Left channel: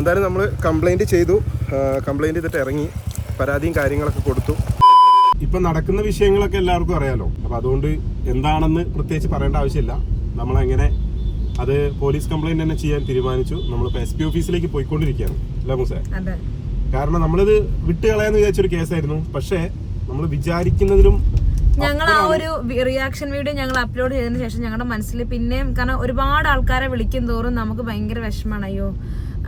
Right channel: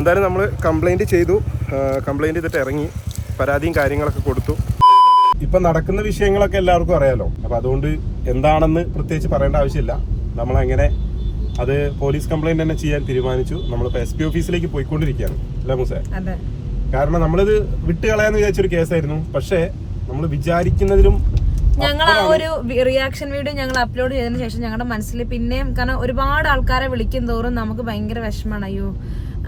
എന്തായാലും നമ്മൾ കംപ്ലൈന്റ് ചെയ്തു. കംപ്ലൈന്റ് ചെയ്തിട്ട് ഇറങ്ങി. പരാതിയും കാര്യങ്ങളൊക്കെ കൊടുത്തു. ഇപ്പൊ നടക്കുന്ന വിഷയങ്ങളൊക്കെ എല്ലാവർക്കും അറിയാലോ. അപ്പൊ അതുകൊണ്ട് എന്താണെന്ന് പ്രത്യേകിച്ച് പറയേണ്ട ആവശ്യമില്ല. നമ്മളെങ്ങനെ അത് പോലീസ് കംപ്ലൈന്റ് തന്നെ ചെയ്യാൻ തീരുമാനിച്ചു. നമ്മളിപ്പോ എസ് പി ഓഫീസിലേക്ക് പോയിക്കൊണ്ടിരിക്കുകയാണ്. അല്ല മുസേ? കാരണം നമ്മളിത് വിട്ടുകളയാന്ന് വിചാരിച്ചൊരു കേസായിരുന്നു. പക്ഷേ നമ്മൾ വിചാരിക്കുന്നതിലും ഞങ്ങൾ ആ ഒരു റിയാക്ഷൻ വീഡിയോ ഞങ്ങൾ അപ്ലോഡ് ചെയ്തതിനു ശേഷം ഞങ്ങളുടെ മനസ്സിൽ പിന്നെയും കാരണം ഒരുപാട് ആൾക്കാരെ വിളിക്കും തോറും നമുക്ക് ഭയങ്കര വിഷമമാണ്. അയ്യോ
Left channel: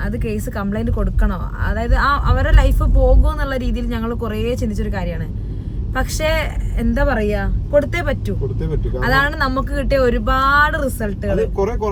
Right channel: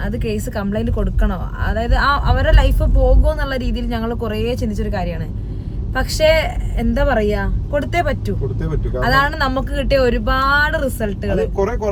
അത് കേസ് കംപ്ലൈന്റ് കൊടുക്കണോ? അതായത് ആ അവരുടെ ലൈഫ് പോകുമോ എന്നുള്ള രീതിയിൽ ഞങ്ങൾ കുറേ ചിന്തിച്ചൊരു കാര്യമാണ്. പക്ഷേ എന്താ പറയാ? കൊടുത്തേ പറ്റൂ. കൊടുത്തേ പറ്റൂ. അതാണ് നമുക്ക് കിട്ടിയ ഒരുപാട് റിസൾട്ടുകൾ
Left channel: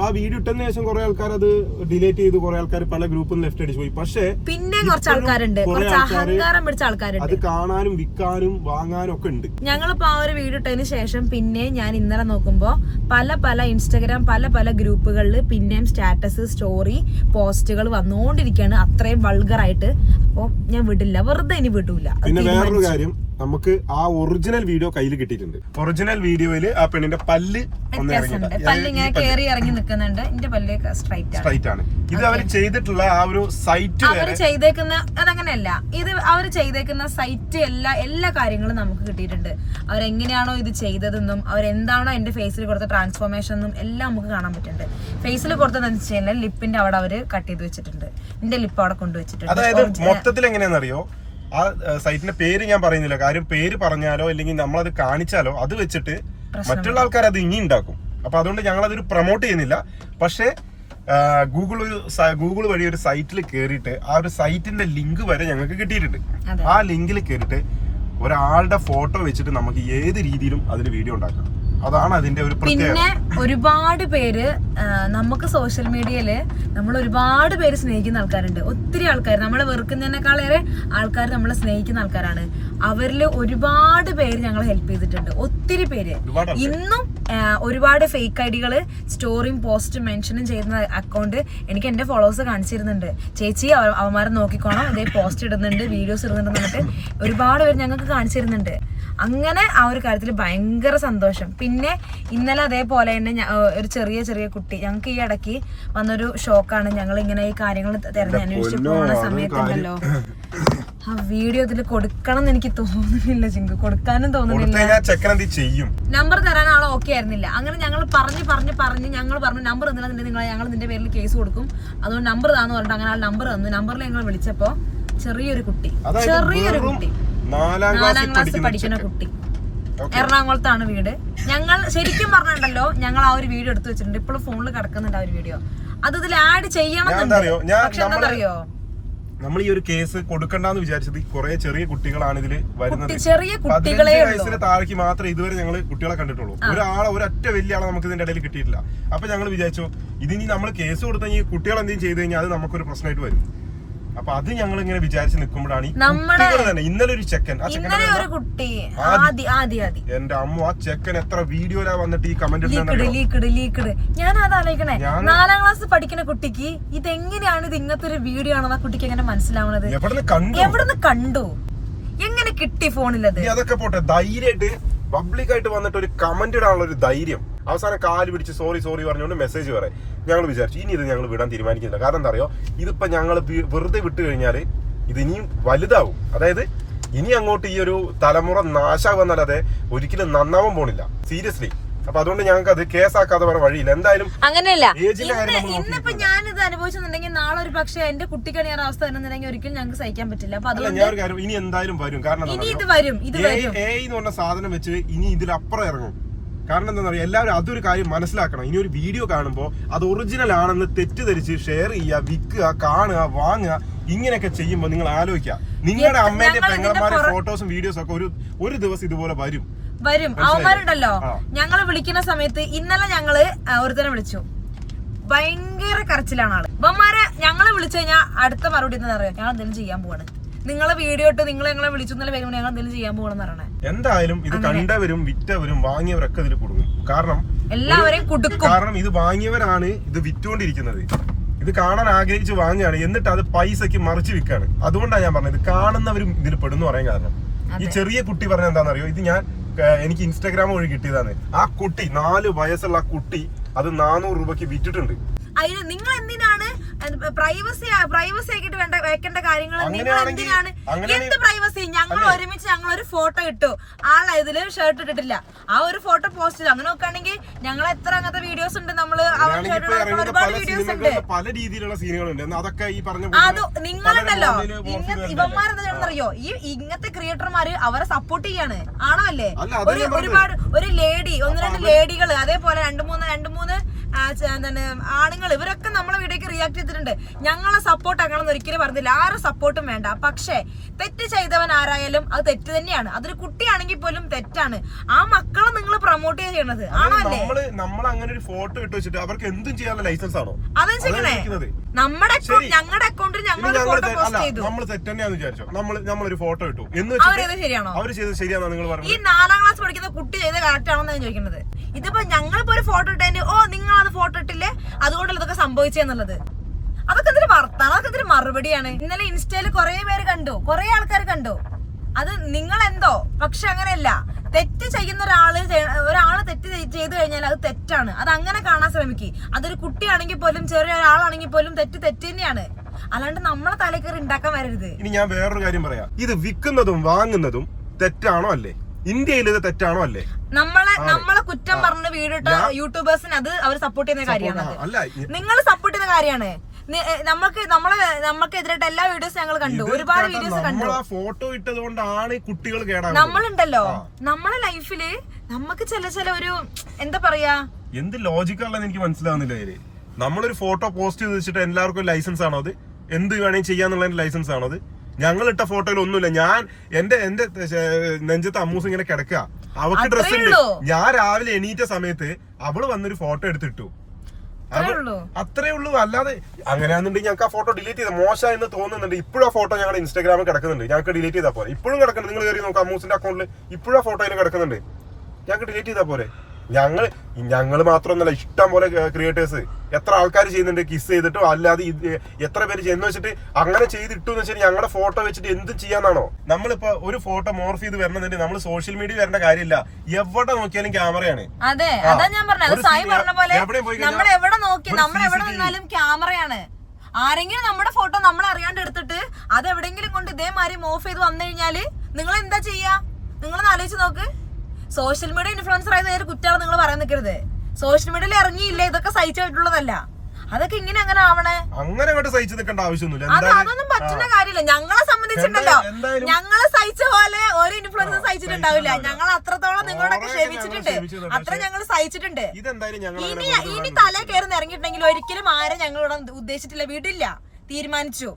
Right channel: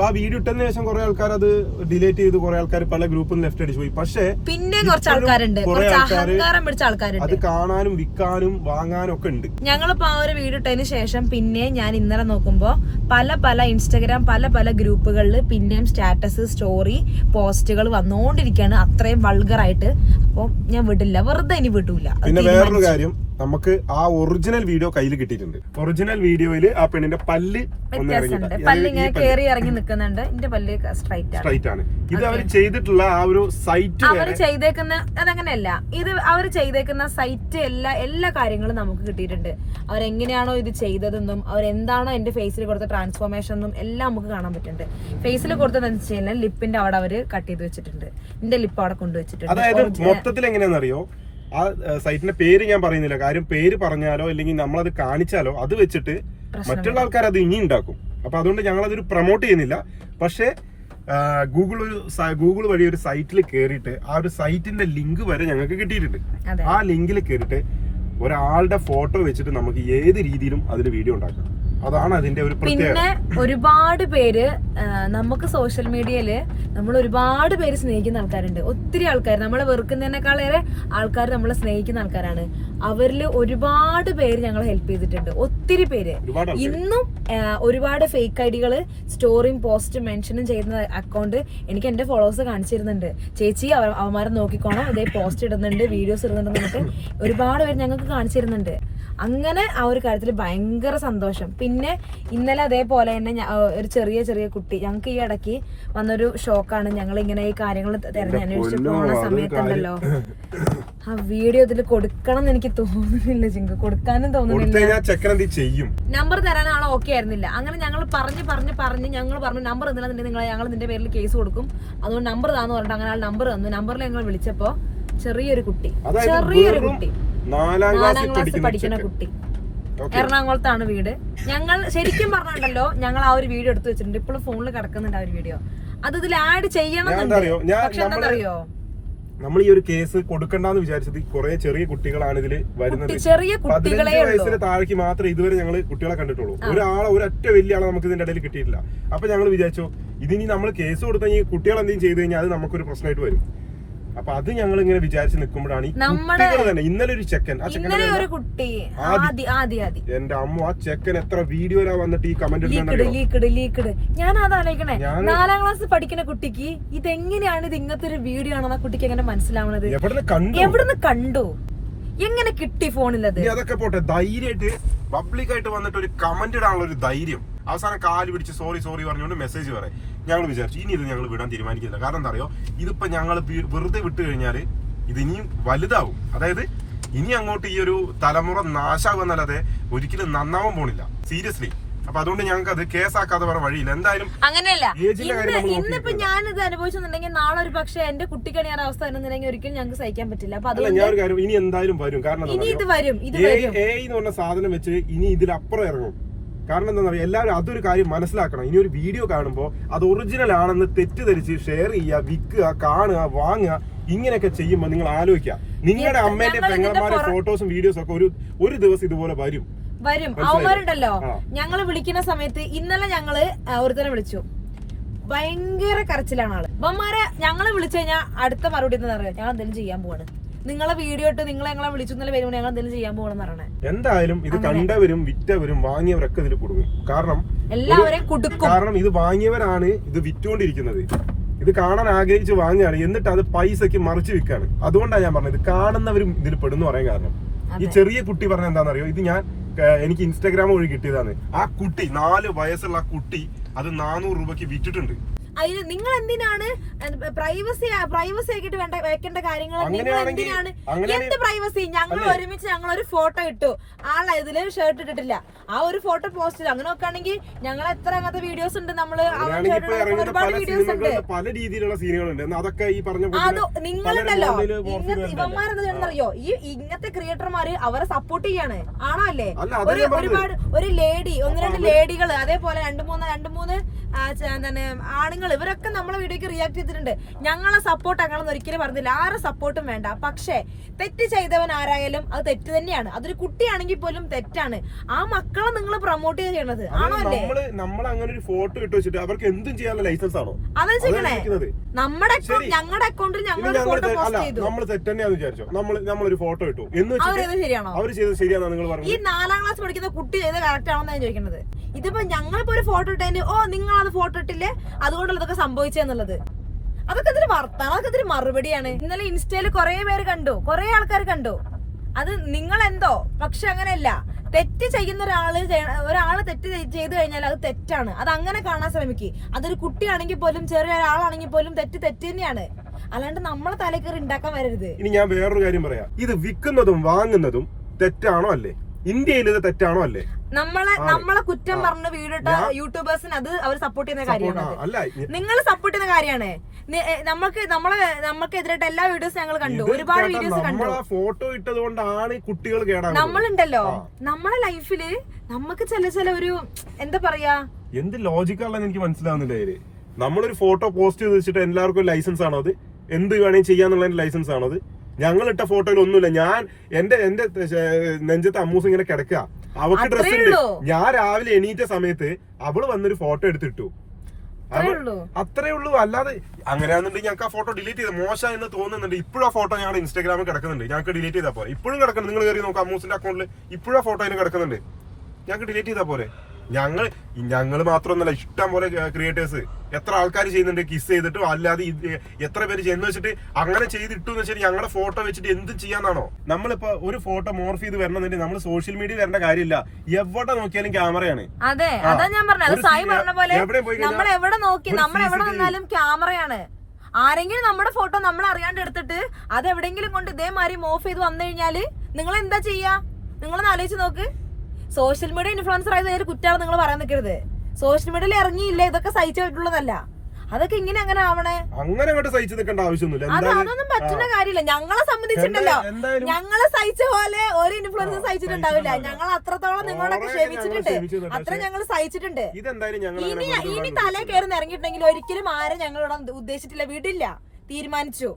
ആ വീഡിയോ ഇട്ടതിന് ശേഷം കുറെ ആൾക്കാർ അത് ഡിലീറ്റ് ചെയ്തു കുറെ ആൾക്കാർ പല ഗ്രൂപ്പിൽ ലെഫ്റ്റ് അടിച്ചു പോയി. പക്ഷേ പിന്നെ കുറച്ച് ആൾക്കാരുണ്ട്. കുറച്ച് അഹങ്കാരം പിടിച്ച ആൾക്കാരുണ്ട്. അത് കാണാനും വിൽക്കാനും വാങ്ങാനും ഒക്കെ ഉണ്ട്. ഞങ്ങളിപ്പോ ആ ഒരു വീഡിയോ ഇട്ടതിന് ശേഷം പിന്നെ ഞാൻ ഇന്നലെ നോക്കുമ്പോ പല പല ഇൻസ്റ്റഗ്രാം പല പല ഗ്രൂപ്പുകളിൽ പിന്നെയും സ്റ്റാറ്റസ് സ്റ്റോറി പോസ്റ്റുകൾ വന്നുകൊണ്ടിരിക്കുകയാണ് അത്രയും വൾഗറായിട്ട് അപ്പോൾ ഞാൻ വിടില്ല. വെറുതെ ഇനി വിടൂല. പിന്നെ വേറൊരു കാര്യം. നമുക്ക് ആ ഒറിജിനൽ വീഡിയോ കയ്യിൽ കിട്ടിയിട്ടുണ്ട്. ഒറിജിനൽ വീഡിയോയിൽ ആ പെണ്ണിന്റെ പല്ല് പല്ല് ഇങ്ങനെ കേറി ഇറങ്ങി നിൽക്കുന്നുണ്ട് എന്റെ പല്ല് സ്ട്രൈറ്റ് ആണ്. സ്ട്രൈറ്റ് ആണ്. ഇത് അവർ ചെയ്തിട്ടുള്ള ആ ഒരു സൈറ്റ് അവർ ചെയ്തേക്കുന്ന അതങ്ങനെയല്ല. ഇത് അവർ ചെയ്തേക്കുന്ന സൈറ്റ് എല്ലാ എല്ലാ കാര്യങ്ങളും നമുക്ക് കിട്ടിയിട്ടുണ്ട്. അവരെങ്ങനെയാണോ ഇത് ചെയ്തതെന്നും അവരെന്താണോ എന്റെ ഫേസിൽ കൊടുത്ത ട്രാൻസ്ഫോർമേഷൻ എന്നും എല്ലാം നമുക്ക് കാണാൻ പറ്റുന്നുണ്ട്. ഫേസിൽ കൊടുത്തതെന്ന് വെച്ച് കഴിഞ്ഞാൽ ലിപ്പിന്റെ അവിടെ അവർ കട്ട് ചെയ്ത് വെച്ചിട്ടുണ്ട്. എന്റെ ലിപ്പ് അവിടെ കൊണ്ടുവച്ചിട്ടുണ്ട് അതായത് മൊത്തത്തിൽ എങ്ങനെയാണെന്നറിയോ ആ സൈറ്റിന്റെ പേര് ഞാൻ പറയുന്നില്ല. കാര്യം പേര് പറഞ്ഞാലോ അല്ലെങ്കിൽ നമ്മളത് കാണിച്ചാലോ അത് വെച്ചിട്ട് മറ്റുള്ള ആൾക്കാർ അത് ഇനി ഉണ്ടാക്കും. അപ്പൊ അതുകൊണ്ട് ഞങ്ങൾ അതൊരു പ്രൊമോട്ട് ചെയ്യുന്നില്ല. പക്ഷേ ഗൂഗിൾ ഗൂഗിൾ വഴി ഒരു സൈറ്റിൽ കയറിയിട്ട് ആ ഒരു സൈറ്റിന്റെ ലിങ്ക് വരെ ഞങ്ങൾക്ക് കിട്ടിയിട്ടുണ്ട്. ആ ലിങ്കിൽ കയറിയിട്ട് ഒരാളുടെ ഫോട്ടോ വെച്ചിട്ട് നമുക്ക് ഏത് രീതിയിലും അതിൽ വീഡിയോ ഉണ്ടാക്കാം. അതാണ് അതിന്റെ ഒരു പിന്നെ ഒരുപാട് പേര് നമുക്ക് സോഷ്യൽ മീഡിയയിൽ നമ്മൾ ഒരുപാട് പേര് സ്നേഹിക്കുന്ന ആൾക്കാരുണ്ട്. ഒത്തിരി ആൾക്കാർ നമ്മളെ വെറുക്കുന്നതിനേക്കാളേറെ ആൾക്കാർ നമ്മളെ സ്നേഹിക്കുന്ന ആൾക്കാരാണ്. അവരിൽ ഒരുപാട് പേര് ഞങ്ങളെ ഹെൽപ്പ് ചെയ്തിട്ടുണ്ട്. ഒത്തിരി പേര്. ഇന്നും ഒരുപാട് ഫേക്ക് ഐഡികൾ സ്റ്റോറിയും പോസ്റ്റും മെൻഷനും ചെയ്യുന്ന അക്കൗണ്ട് എനിക്ക് എന്റെ ഫോളോവേഴ്സ് കാണിച്ചിരുന്നുണ്ട്. ചേച്ചി അവ- അവന്മാരെ നോക്കിക്കോണം. ഇതേ പോസ്റ്റ് ഇടുന്നുണ്ട് വീഡിയോസ് ഇടുന്നുണ്ട് എന്നിട്ട് ഒരുപാട് പേര് ഞങ്ങൾക്ക് കാണിച്ചിരുന്നുണ്ട്. അങ്ങനെ ആ ഒരു കാര്യത്തിൽ ഭയങ്കര സന്തോഷം. പിന്നെ ഇന്നലെ അതേപോലെ തന്നെ ഒരു ചെറിയ ചെറിയ കുട്ടി ഞങ്ങൾക്ക് ഈ ഇടയ്ക്ക് വന്നൊരു ഷോക്കാണ്. ഞങ്ങൾ ഇങ്ങനെ ഈ കാര്യങ്ങൾ തെരഞ്ഞന്വേഷിച്ച് പോകുന്ന പോണ സമയത്തുണ്ടല്ലോ. ആ വീഡിയോ ഇതിൽ കൊടുക്കണം എന്ന് എനിക്ക് തോന്നുന്നില്ല ചിങ്കു കൊടുക്കാനും തോന്നുന്നില്ല. ചെയ്യും? നമ്പർ തരാൻ ആൾ ഓക്കെ ആയിരുന്നില്ല. അങ്ങനെ ഞങ്ങൾ പറഞ്ഞ് പറഞ്ഞ് പറഞ്ഞ് ഞങ്ങൾ പറഞ്ഞു നമ്പർ എന്തിനാ നിങ്ങൾ ഞങ്ങൾ നിന്റെ പേരിൽ കേസ് കൊടുക്കും. അതുകൊണ്ട് നമ്പർ താന്ന് പറഞ്ഞിട്ട് അങ്ങനെ ആൾ നമ്പർ തന്നു. നമ്പറിൽ ഞങ്ങൾ വിളിച്ചപ്പോ ചെറിയൊരു കുട്ടി. ചെറിയൊരു കുട്ടി. നാലാം ക്ലാസ് പഠിക്കുന്ന കുട്ടി. എറണാകുളത്താണ് വീട്. ഞങ്ങൾ ശരിക്കും പറഞ്ഞിട്ടുണ്ടല്ലോ ഞങ്ങൾ ആ ഒരു വീഡിയോ എടുത്തു വെച്ചിട്ടുണ്ട്. ഇപ്പോഴും ഫോണിൽ കിടക്കുന്നുണ്ട് ആ ഒരു വീഡിയോ അത് ഇതിൽ ആഡ് ചെയ്യണം ഞാൻ അറിയോ? ഞാൻ പക്ഷെ എന്താണെന്നറിയോ? നമ്മൾ ഈ ഒരു കേസ് കൊടുക്കണ്ടെന്ന് വിചാരിച്ചത് കുറെ ചെറിയ കുട്ടികളാണ് ഇതിൽ വരുന്നത്. ചെറിയ കുട്ടികളെ പതിനഞ്ച് വയസ്സിന് താഴേക്ക് മാത്രമേ ഇതുവരെ ഞങ്ങൾ കുട്ടികളെ കണ്ടിട്ടുള്ളൂ. ഒരാളെ ഒരൊറ്റ വലിയ ആളെ നമുക്ക് ഇതിന്റെ ഇടയിൽ കിട്ടിയിട്ടില്ല. അപ്പൊ ഞങ്ങൾ വിചാരിച്ചു ഇതിനി നമ്മൾ കേസ് കൊടുത്തു കഴിഞ്ഞാൽ കുട്ടികൾ എന്തെങ്കിലും ചെയ്തു കഴിഞ്ഞാൽ അത് നമുക്കൊരു പ്രശ്നമായിട്ട് വരും. അപ്പൊ അത് ഞങ്ങൾ ഇങ്ങനെ വിചാരിച്ച് നിൽക്കുമ്പോഴാണ് ഈ കുട്ടികൾ തന്നെ ഇന്നലെ ഒരു ചെക്കൻ ആ ചെക്കൻ ഇന്നലെ ഒരു കുട്ടി. എന്റെ അമ്മ ആ ചെക്കൻ എത്ര വീഡിയോയിലാ വന്നിട്ട് ഈ കമന്റ് ലീക്കഡ് ഞാൻ അത് ആലോചിക്കണേ. നാലാം ക്ലാസ് പഠിക്കുന്ന കുട്ടിക്ക് ഇതെങ്ങനെയാണ് ഇത് ഇങ്ങനത്തെ ഒരു വീഡിയോ ആണെന്ന് ആ കുട്ടിക്ക് എങ്ങനെ മനസ്സിലാവണത്? എവിടെ കണ്ടു? എവിടുന്ന് കണ്ടു? എങ്ങനെ കിട്ടി ഫോണിലത് അതൊക്കെ പോട്ടെ ധൈര്യമായിട്ട് പബ്ലിക് ആയിട്ട് വന്നിട്ട് ഒരു കമന്റ് ഇടാനുള്ള ഒരു ധൈര്യം. അവസാനം കാൽ പിടിച്ച് സോറി സോറി പറഞ്ഞുകൊണ്ട് മെസ്സേജ് പറയാം. ഞങ്ങൾ വിചാരിച്ചു ഇനി ഇത് ഞങ്ങൾ വിടാൻ തീരുമാനിക്കുന്നില്ല. കാരണം എന്താ അറിയോ? ഇതിപ്പോ ഞങ്ങൾ വെറുതെ വിട്ട് കഴിഞ്ഞാൽ ഇത് ഇനിയും വലുതാവും. അതായത് ഇനി അങ്ങോട്ട് ഈ ഒരു തലമുറ നാശാകുന്നല്ലാതെ ഒരിക്കലും നന്നാവാൻ പോണില്ല. സീരിയസ്ലി അപ്പൊ അതുകൊണ്ട് ഞങ്ങൾക്ക് അത് കേസാക്കാതെ വേറെ വഴിയില്ല. എന്തായാലും അങ്ങനെയല്ല. ഇന്ന് ഇന്നിപ്പോ ഞാനിത് അനുഭവിച്ചെന്നുണ്ടെങ്കിൽ ഒരു പക്ഷെ എന്റെ കുട്ടിക്കാണ് ഈ അവസ്ഥ തന്നെ ഒരിക്കലും ഞങ്ങൾക്ക് സഹിക്കാൻ പറ്റില്ല. അപ്പൊ അതുകൊണ്ട് ഞാൻ ഒരു കാര്യം ഇനി എന്തായാലും വരും. കാരണം ഇനി ഇത് വരും ഇത് വരും. എ എന്ന് പറഞ്ഞ സാധനം വെച്ച് ഇനി ഇതിലപ്പുറം ഇറങ്ങും. കാരണം എന്താ പറയുക എല്ലാവരും അതൊരു കാര്യം മനസ്സിലാക്കണം. ഇനി ഒരു വീഡിയോ കാണുമ്പോൾ അത് ഒറിജിനൽ ആണെന്ന് തെറ്റിദ്ധരിച്ച് ഷെയർ ചെയ്യുക വിൽക്കുക കാണുക വാങ്ങുക ഇങ്ങനെയൊക്കെ ചെയ്യുമ്പോൾ നിങ്ങൾ ആലോചിക്കുക. നിങ്ങളുടെ അമ്മേന്റെ പെങ്ങന്മാരെ ഫോട്ടോസും വീഡിയോസും ഒക്കെ ഒരു ഒരു ദിവസം ഇതുപോലെ വരും. വരും. അവന്മാരുണ്ടല്ലോ. ഞങ്ങൾ വിളിക്കുന്ന സമയത്ത് ഇന്നലെ ഞങ്ങൾ ഒരുതരം ഒരുത്തനെ വിളിച്ചു. ഭയങ്കര കരച്ചിലാണ് ആൾ. അപ്പന്മാരെ ഞങ്ങളെ വിളിച്ചു കഴിഞ്ഞാൽ അടുത്ത മറുപടി എന്താ പറയുക ഞങ്ങൾ എന്തെങ്കിലും ചെയ്യാൻ പോവാണ്. നിങ്ങളെ വീഡിയോ ഇട്ട് നിങ്ങൾ ഞങ്ങളെ വിളിച്ചു ഇന്നലെ വരുമ്പോൾ ഞങ്ങൾ എന്തെങ്കിലും ചെയ്യാൻ പോകണമെന്ന് പറയണേ. എന്തായാലും ഇത് കണ്ടവരും വിറ്റവരും വാങ്ങിയവരൊക്കെ ഇതിൽ കൊടുക്കും. കാരണം എല്ലാവരെയും കൊടുക്കും. കാരണം ഇത് വാങ്ങിയവരാണ് ഇത് വിറ്റുകൊണ്ടിരിക്കുന്നത് ഇത് കാണാൻ ആഗ്രഹിച്ച് വാങ്ങുകയാണ്. എന്നിട്ട് അത് പൈസക്ക് മറിച്ച് വിൽക്കാണ് അതുകൊണ്ടാണ് ഞാൻ പറഞ്ഞത്. കാണുന്നവരും ഇതിൽ പെടുന്നു പറയാൻ കാരണം. ഈ ചെറിയ കുട്ടി പറഞ്ഞ എന്താണെന്നറിയോ? ഇത് ഞാൻ എനിക്ക് ഇൻസ്റ്റാഗ്രാം വഴി കിട്ടിയതാണ്. ആ കുട്ടി നാല് വയസ്സുള്ള ആ കുട്ടി അത് നാനൂറ് രൂപയ്ക്ക് വിറ്റിട്ടുണ്ട്. അതിന് നിങ്ങൾ എന്തിനാണ് പ്രൈവസി പ്രൈവസി ആക്കിയിട്ട് വേണ്ട വെക്കേണ്ട കാര്യങ്ങൾ നിങ്ങൾ എന്തിനാണ് എന്ത് പ്രൈവസി ഞങ്ങൾ ഒരുമിച്ച് ഞങ്ങൾ ഒരു ഫോട്ടോ ഇട്ടു. ആളെ ഇതിൽ ഷർട്ട് ഇട്ടിട്ടില്ല. ആ ഒരു ഫോട്ടോ പോസ്റ്റ് ചെയ്തു അങ്ങനെ നോക്കുകയാണെങ്കിൽ ഞങ്ങൾ എത്ര അങ്ങനത്തെ വീഡിയോസ് ഉണ്ട് നമ്മൾ ഒരുപാട് വീഡിയോസ് ഉണ്ട്. പല രീതിയിലുള്ള സീനുകളുണ്ട് അതൊക്കെ ഈ പറഞ്ഞ അത് നിങ്ങളുണ്ടല്ലോ. പല മോഡലിൽ ഇങ്ങ- morph ചെയ്ത് ഇവന്മാരെന്താ ചെയ്യണമെന്നറിയോ ഈ ഇങ്ങനത്തെ ക്രിയേറ്റർമാര് അവരെ സപ്പോർട്ട് ചെയ്യാണ്. ആണോ അല്ലേ? ഒരുപാട് ഒരു ലേഡി ഒന്ന് രണ്ട് ലേഡികൾ അതേപോലെ രണ്ട് മൂന്ന് രണ്ട് മൂന്ന് എന്താണ് ആണുങ്ങൾ ഇവരൊക്കെ നമ്മളെ വീഡിയോക്ക് റിയാക്ട് ചെയ്തിട്ടുണ്ട്. ഞങ്ങളെ സപ്പോർട്ട് ആക്കണമെന്ന് ഒരിക്കലും പറഞ്ഞില്ല. ആരെ സപ്പോർട്ടും വേണ്ട. പക്ഷേ തെറ്റ് ചെയ്തവൻ ആരായാലും അത് തെറ്റ് തന്നെയാണ്. അതൊരു കുട്ടിയാണെങ്കിൽ പോലും തെറ്റാണ്. ആ മക്കളെ നിങ്ങൾ പ്രൊമോട്ട് ചെയ്യണത്. ആണോ അല്ലേ? നമ്മൾ അങ്ങനെ ഒരു ഫോട്ടോ ഇട്ട് വെച്ചിട്ട് അവർക്ക് എന്തും ചെയ്യാനുള്ള ലൈസൻസ് ആണോ? അത് ചെയ്യണേ. നമ്മുടെ ഞങ്ങളുടെ അക്കൗണ്ടിൽ ഞങ്ങൾ ഫോട്ടോ പോസ്റ്റ് ചെയ്തു. നമ്മൾ വിചാരിച്ചോ. നമ്മൾ നമ്മളൊരു ഫോട്ടോ ഇട്ടു. എന്ന് ശരിയാണോ? ചെയ്തത് ശരിയാണോ നിങ്ങൾ ഈ നാലാം ക്ലാസ് പഠിക്കുന്ന കുട്ടി ചെയ്ത കറക്റ്റ് ആണോ ചോദിക്കുന്നത്. ഇതിപ്പോ ഞങ്ങളിപ്പോ ഒരു ഫോട്ടോ ഇട്ടതിന് ഓ നിങ്ങൾ അത് ഫോട്ടോ ഇട്ടില്ലേ? അതുകൊണ്ടല്ല ഇതൊക്കെ സംഭവിച്ചെന്നുള്ളത് അതൊക്കെ അതിന് വർത്താനം? അതൊക്കെ അതിന് മറുപടിയാണ്. ഇന്നലെ ഇൻസ്റ്റയിൽ കുറെ പേര് കണ്ടു. കുറെ ആൾക്കാർ കണ്ടു. അത് നിങ്ങൾ എന്തോ പക്ഷെ അങ്ങനെയല്ല. തെറ്റ് ചെയ്യുന്ന ഒരാൾ ഒരാൾ തെറ്റ് ചെയ്ത് കഴിഞ്ഞാൽ അത് തെറ്റാണ്. അത് അങ്ങനെ കാണാൻ ശ്രമിക്കുക അതൊരു കുട്ടിയാണെങ്കിൽ പോലും ചെറിയ ഒരാളാണെങ്കിൽ പോലും തെറ്റ് തെറ്റ് തന്നെയാണ്. അല്ലാണ്ട് നമ്മളെ തലക്കറി ഉണ്ടാക്കാൻ വരരുത്. ഇനി ഞാൻ വേറൊരു കാര്യം പറയാം. ഇത് വിൽക്കുന്നതും വാങ്ങുന്നതും തെറ്റാണോ അല്ലേ? ഇന്ത്യയിൽ ഇത് തെറ്റാണോ അല്ലേ? നമ്മളെ നമ്മളെ കുറ്റം പറഞ്ഞ വീടിട്ട യൂട്യൂബേഴ്സിന് അത് അവർ സപ്പോർട്ട് ചെയ്യുന്ന കാര്യമാണ് നിങ്ങൾ സപ്പോർട്ട് ചെയ്യുന്ന കാര്യമാണ്. നമ്മൾക്ക് നമ്മളെ നമ്മൾക്ക് എതിരായിട്ട് എല്ലാ വീഡിയോസ് ഞങ്ങൾ കണ്ടു. ഒരുപാട് വീഡിയോസ് കണ്ടു. ഫോട്ടോ ഇട്ടത് കൊണ്ടാണ് ഈ കുട്ടികൾ നമ്മളുണ്ടല്ലോ. നമ്മളെ ലൈഫിൽ നമുക്ക് ചില ചില ഒരു എന്താ പറയാ? എന്ത് ലോജിക്കാണെന്ന് എനിക്ക് മനസ്സിലാവുന്നില്ല ഇതിൽ നമ്മളൊരു ഫോട്ടോ പോസ്റ്റ് ചെയ്ത് വെച്ചിട്ട് എല്ലാവർക്കും ലൈസൻസ് ആണോ അത്? എന്ത് വേണേ ചെയ്യാന്നുള്ള ലൈസൻസ് ആണോ അത്? ഞങ്ങൾ ഇട്ട ഫോട്ടോയിൽ ഒന്നുമില്ല. ഞാൻ എന്റെ എന്റെ നെഞ്ചത്ത് അമ്മൂസ് ഇങ്ങനെ കിടക്കുക. അവക്ക് ഡ്രസ് ഉണ്ട്. ഞാൻ രാവിലെ എണീറ്റ സമയത്ത് അവൾ വന്നൊരു ഫോട്ടോ എടുത്തിട്ടു. അത്രേ ഉള്ളൂ. അല്ലാതെ അങ്ങനെയാണെന്നുണ്ടെങ്കിൽ ഞങ്ങൾക്ക് ആ ഫോട്ടോ ഡിലീറ്റ് ചെയ്ത മോശം എന്ന് തോന്നുന്നുണ്ട്. ഇപ്പോഴും ആ ഫോട്ടോ ഞങ്ങളുടെ ഇൻസ്റ്റാഗ്രാമിൽ കിടക്കുന്നുണ്ട്. ഞങ്ങൾക്ക് ഡിലീറ്റ് ചെയ്താൽ പോരെ. ഇപ്പോഴും കിടക്കുന്നുണ്ട്. നിങ്ങൾ കയറി നോക്കാം അമ്മൂസിന്റെ അക്കൗണ്ടിൽ ഇപ്പോഴും ആ ഫോട്ടോ അതിന് കിടക്കുന്നുണ്ട്. ഞങ്ങൾക്ക് ഡിലീറ്റ് ചെയ്താൽ പോരെ. ഞങ്ങൾ ഞങ്ങൾ മാത്രമൊന്നുമല്ല ഇഷ്ടം പോലെ ക്രിയേറ്റേഴ്സ് എത്ര ആൾക്കാർ ചെയ്യുന്നുണ്ട് കിസ് ചെയ്തിട്ടോ അല്ലാതെ എത്ര പേര് ചെയ്യുന്ന വെച്ചിട്ട് അങ്ങനെ ചെയ്തിട്ടു എന്ന് വെച്ചാൽ ഞങ്ങളുടെ ഫോട്ടോ വെച്ചിട്ട് എന്ത് ചെയ്യാന്നാണോ? നമ്മളിപ്പോ ഒരു ഫോട്ടോ മോർഫ് ചെയ്ത് വരണമെന്നുണ്ടെങ്കിൽ നമ്മൾ സോഷ്യൽ മീഡിയ വരേണ്ട കാര്യമില്ല. എവിടെ നോക്കിയാലും ക്യാമറയാണ് അതെ അതാ ഞാൻ പറഞ്ഞത്. സായി പറഞ്ഞ പോലെ നമ്മൾ എവിടെ നോക്കി നമ്മൾ എവിടെ. നിന്നാലും ക്യാമറയാണ് ആരെങ്കിലും നമ്മുടെ ഫോട്ടോ നമ്മൾ അറിയാണ്ട് എടുത്തിട്ട് അത് എവിടെങ്കിലും കൊണ്ട് ഇതേമാതിരി മോഫ് ചെയ്ത് വന്നു കഴിഞ്ഞാൽ നിങ്ങൾ എന്താ ചെയ്യാ? നിങ്ങളൊന്ന് ആലോചിച്ച് നോക്ക്. സോഷ്യൽ മീഡിയ ഇൻഫ്ലുവൻസർ ആയത് ഒരു കുറ്റാണ് നിങ്ങൾ പറയാൻ നിൽക്കരുത് സോഷ്യൽ മീഡിയയിൽ ഇറങ്ങിയില്ല? ഇതൊക്കെ സഹിച്ചു പറ്റുള്ളതല്ല അതൊക്കെ ഇങ്ങനെ അങ്ങനെ ആവണേ? അങ്ങനെ അങ്ങോട്ട് സഹിച്ചു നിൽക്കേണ്ട ആവശ്യമൊന്നുമില്ല. അത് അതൊന്നും പറ്റുന്ന കാര്യമില്ല. ഞങ്ങളെ സംബന്ധിച്ചിട്ടുണ്ടല്ലോ. ഞങ്ങൾ സഹിച്ച പോലെ ഒരു ഇൻഫ്ലുവൻസ് സഹിച്ചിട്ടുണ്ടാവില്ല. ഞങ്ങൾ അത്രത്തോളം ഓവറായിട്ട് ക്ഷമിച്ചിട്ടുണ്ട്. അത്ര ഞങ്ങൾ സഹിച്ചിട്ടുണ്ട്. ഇനി ഇനി തല കയറി ഇറങ്ങിയിട്ടുണ്ടെങ്കിൽ ഒരിക്കലും ആരെ ഞങ്ങളോട് ഉദ്ദേശിച്ചിട്ടില്ല. വിടില്ല. തീരുമാനിച്ചു.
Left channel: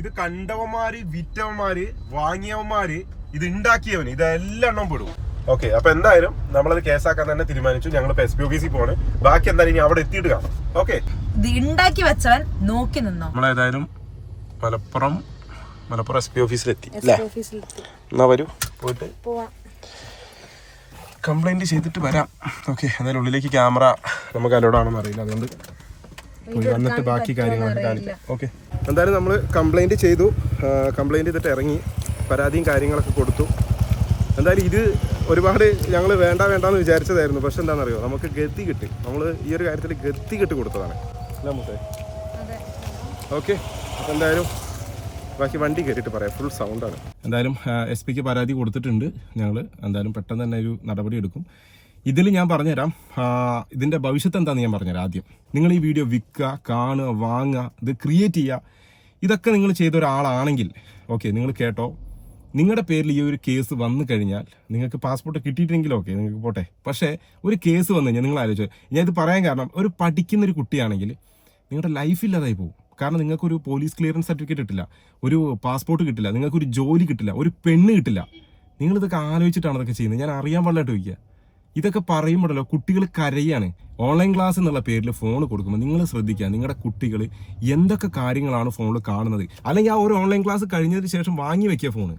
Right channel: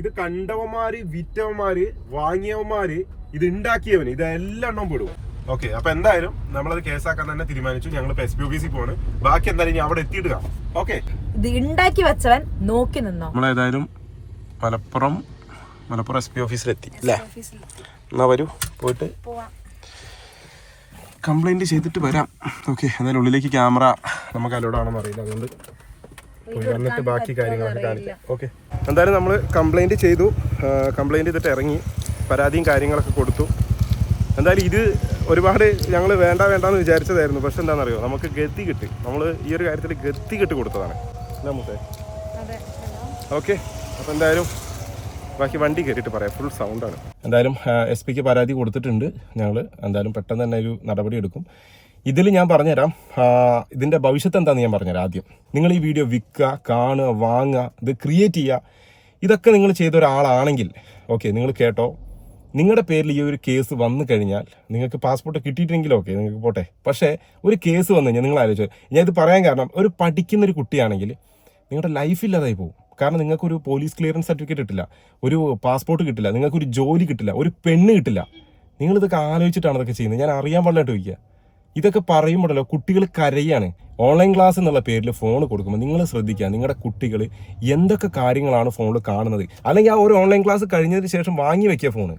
ഇത് കണ്ടവന്മാര് വിറ്റവന്മാര് വാങ്ങിയവന്മാര് ഇത് ഉണ്ടാക്കിയവന് ഇതെല്ലാം എണ്ണം പെടും. ഓക്കെ അപ്പൊ എന്തായാലും നമ്മളത് കേസാക്കാൻ തന്നെ തീരുമാനിച്ചു. ഞങ്ങൾ എസ് പി ഓഫീസിൽ പോണ് ബാക്കി എന്തായാലും ഇനി അവിടെ എത്തിയിട്ട് കാണാം. ഓക്കെ. ഇത് ഉണ്ടാക്കി വെച്ചവൻ നോക്കി നിന്നോ? നമ്മളേതായാലും മലപ്പുറം മലപ്പുറം എസ് പി ഓഫീസിലെത്തി അല്ലേ എന്നാ വരൂ പോയിട്ട് പോവാം. കംപ്ലൈന്റ് ചെയ്തിട്ട് വരാം. ഓക്കെ എന്തായാലും ഉള്ളിലേക്ക് ക്യാമറ നമുക്ക് അലോഡാണെന്ന് അറിയില്ല. അതുകൊണ്ട് വന്നിട്ട് ബാക്കി കാര്യങ്ങളൊക്കെ കാണിക്കാം. ഓക്കെ എന്തായാലും നമ്മൾ കംപ്ലൈന്റ് ചെയ്തു. കംപ്ലൈന്റ് ചെയ്തിട്ട് ഇറങ്ങി. പരാതിയും കാര്യങ്ങളൊക്കെ കൊടുത്തു. എന്തായാലും ഇത് ഒരുപാട് ഞങ്ങൾ വേണ്ട വേണ്ടാന്ന് വിചാരിച്ചതായിരുന്നു. പക്ഷെ എന്താണെന്നറിയോ? നമുക്ക് ഗതി കിട്ടി. നമ്മൾ ഈ ഒരു കാര്യത്തിൽ ഗതി കിട്ടി കൊടുത്തതാണ്. അല്ലേ മുത്തേ? ഓക്കെ അപ്പോൾ എന്തായാലും ബാക്കി വണ്ടി കയറിയിട്ട് പറയാം. ഫുൾ സൗണ്ടാണ് എന്തായാലും എസ് പിക്ക് പരാതി കൊടുത്തിട്ടുണ്ട് ഞങ്ങൾ എന്തായാലും പെട്ടെന്ന് തന്നെ ഒരു നടപടി എടുക്കും. ഇതിൽ ഞാൻ പറഞ്ഞുതരാം. ഇതിന്റെ ഭവിഷ്യത്ത് എന്താണെന്ന് ഞാൻ പറഞ്ഞുതരാം ആദ്യം. നിങ്ങൾ ഈ വീഡിയോ വിൽക്കുക കാണുക വാങ്ങുക ഇത് ക്രിയേറ്റ് ചെയ്യുക. ഇതൊക്കെ നിങ്ങൾ ചെയ്ത ഒരാളാണെങ്കിൽ ഓക്കെ നിങ്ങൾ കേട്ടോ. നിങ്ങളുടെ പേരിൽ ഈ ഒരു കേസ് വന്നു കഴിഞ്ഞാൽ നിങ്ങൾക്ക് പാസ്പോർട്ട് കിട്ടിയിട്ടെങ്കിലും ഓക്കെ നിങ്ങൾക്ക് പോട്ടെ. പക്ഷേ ഒരു കേസ് വന്നു കഴിഞ്ഞാൽ നിങ്ങൾ ആലോചിച്ചു ഞാൻ ഇത് പറയാൻ കാരണം ഒരു പഠിക്കുന്ന ഒരു കുട്ടിയാണെങ്കിൽ നിങ്ങളുടെ ലൈഫ് ഇല്ലാതായി പോകും. കാരണം നിങ്ങൾക്കൊരു പോലീസ് ക്ലിയറൻസ് സർട്ടിഫിക്കറ്റ് കിട്ടില്ല ഒരു പാസ്പോർട്ട് കിട്ടില്ല നിങ്ങൾക്കൊരു ജോലി കിട്ടില്ല ഒരു പെണ്ണ് കിട്ടില്ല. നിങ്ങൾ ഇതൊക്കെ ആലോചിച്ചിട്ടാണ് ഇതൊക്കെ ചെയ്യുന്നത്. ഞാൻ അറിയാൻ പാടില്ലായിട്ട് ചോദിക്കുക. ഇതൊക്കെ പറയുമ്പോഴല്ലോ കുട്ടികൾ കരയാണ്. ഓൺലൈൻ ക്ലാസ് എന്നുള്ള പേരിൽ ഫോൺ കൊടുക്കുമ്പോൾ നിങ്ങൾ ശ്രദ്ധിക്കുക നിങ്ങളുടെ കുട്ടികൾ എന്തൊക്കെ കാര്യങ്ങളാണ് ഫോണിൽ കാണുന്നത്. അല്ലെങ്കിൽ ആ ഒരു ഓൺലൈൻ ക്ലാസ് കഴിഞ്ഞതിന് ശേഷം വാങ്ങി വെക്കുക ഫോണ്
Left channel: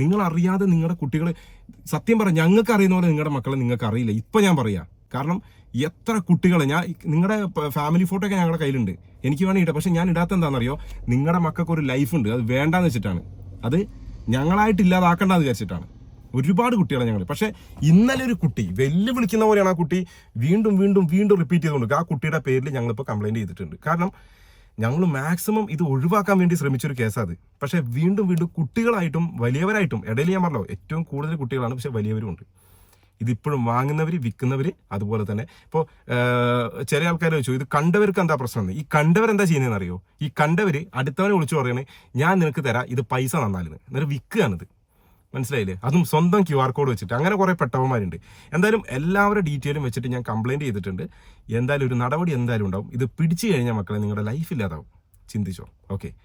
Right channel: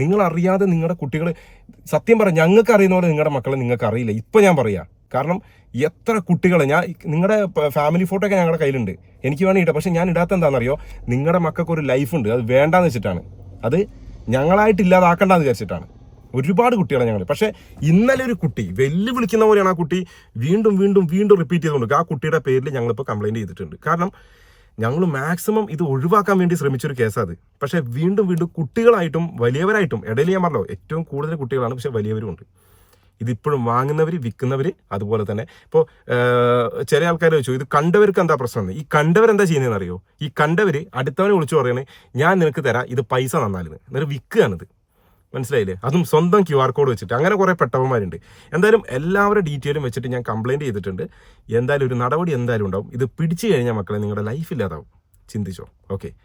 നിങ്ങൾ അറിയാതെ നിങ്ങളുടെ കുട്ടികൾ സത്യം പറയാം ഞങ്ങൾക്ക് അറിയുന്ന പോലെ നിങ്ങളുടെ മക്കളെ നിങ്ങൾക്ക് അറിയില്ല ഇപ്പം ഞാൻ പറയാം. കാരണം എത്ര കുട്ടികളെ ഞാൻ നിങ്ങളുടെ ഫാമിലി ഫോട്ടോ ഒക്കെ ഞങ്ങളുടെ കയ്യിലുണ്ട്. എനിക്ക് വേണമെങ്കിൽ ഇടാം. പക്ഷെ ഞാൻ ഇടാത്ത എന്താണെന്നറിയോ നിങ്ങളുടെ മക്കൾക്ക് ഒരു ലൈഫ് ഉണ്ട് അത് വേണ്ടാന്ന് വെച്ചിട്ടാണ്. അത് ഞങ്ങളായിട്ട് ഇല്ലാതാക്കണ്ടെന്ന് വിചാരിച്ചിട്ടാണ്. ഒരുപാട് കുട്ടികളെ ഞങ്ങൾ പക്ഷേ ഇന്നലെ ഒരു കുട്ടി വെല്ലു വിളിക്കുന്ന പോലെയാണ് ആ കുട്ടി വീണ്ടും വീണ്ടും വീണ്ടും റിപ്പീറ്റ് ചെയ്തുകൊണ്ട് ആ കുട്ടിയുടെ പേരിൽ ഞങ്ങളിപ്പോൾ കംപ്ലൈന്റ് ചെയ്തിട്ടുണ്ട്. കാരണം ഞങ്ങൾ മാക്സിമം ഇത് ഒഴിവാക്കാൻ വേണ്ടി ശ്രമിച്ചൊരു കേസാണ് പക്ഷേ വീണ്ടും വീണ്ടും കുട്ടികളായിട്ടും വലിയവരായിട്ടും ഇടയിൽ ഞാൻ പറഞ്ഞല്ലോ ഏറ്റവും കൂടുതൽ കുട്ടികളാണ്. പക്ഷേ വലിയവരും ഉണ്ട് ഇതിപ്പോഴും വാങ്ങുന്നവർ വിൽക്കുന്നവർ അതുപോലെ തന്നെ. ഇപ്പോൾ ചില ആൾക്കാർ ചോദിച്ചു ഇത് കണ്ടവർക്ക് എന്താ പ്രശ്നം? ഈ കണ്ടവർ എന്താ ചെയ്യുന്നതെന്ന് അറിയോ ഈ കണ്ടവർ അടുത്തവനെ വിളിച്ചു പറയണേ ഞാൻ നിനക്ക് തരാം ഇത് പൈസ തന്നാലും എന്നിട്ട് വിൽക്കുകയാണിത് മനസ്സിലായില്ലേ? അതും സ്വന്തം ക്യു ആർ കോഡ് വെച്ചിട്ട്. അങ്ങനെ കുറേ പെട്ടവന്മാരുണ്ട്. എന്തായാലും എല്ലാവരുടെ ഡീറ്റെയിലും വെച്ചിട്ട് ഞാൻ കംപ്ലയിന്റ് ചെയ്തിട്ടുണ്ട്. എന്തായാലും ഒരു നടപടി എന്തായാലും ഉണ്ടാവും. ഇത് പിടിച്ചു കഴിഞ്ഞാൽ മക്കളെ നിങ്ങളുടെ ലൈഫ് ഇല്ലാതാവും. ചിന്തിച്ചോ? ഓക്കെ.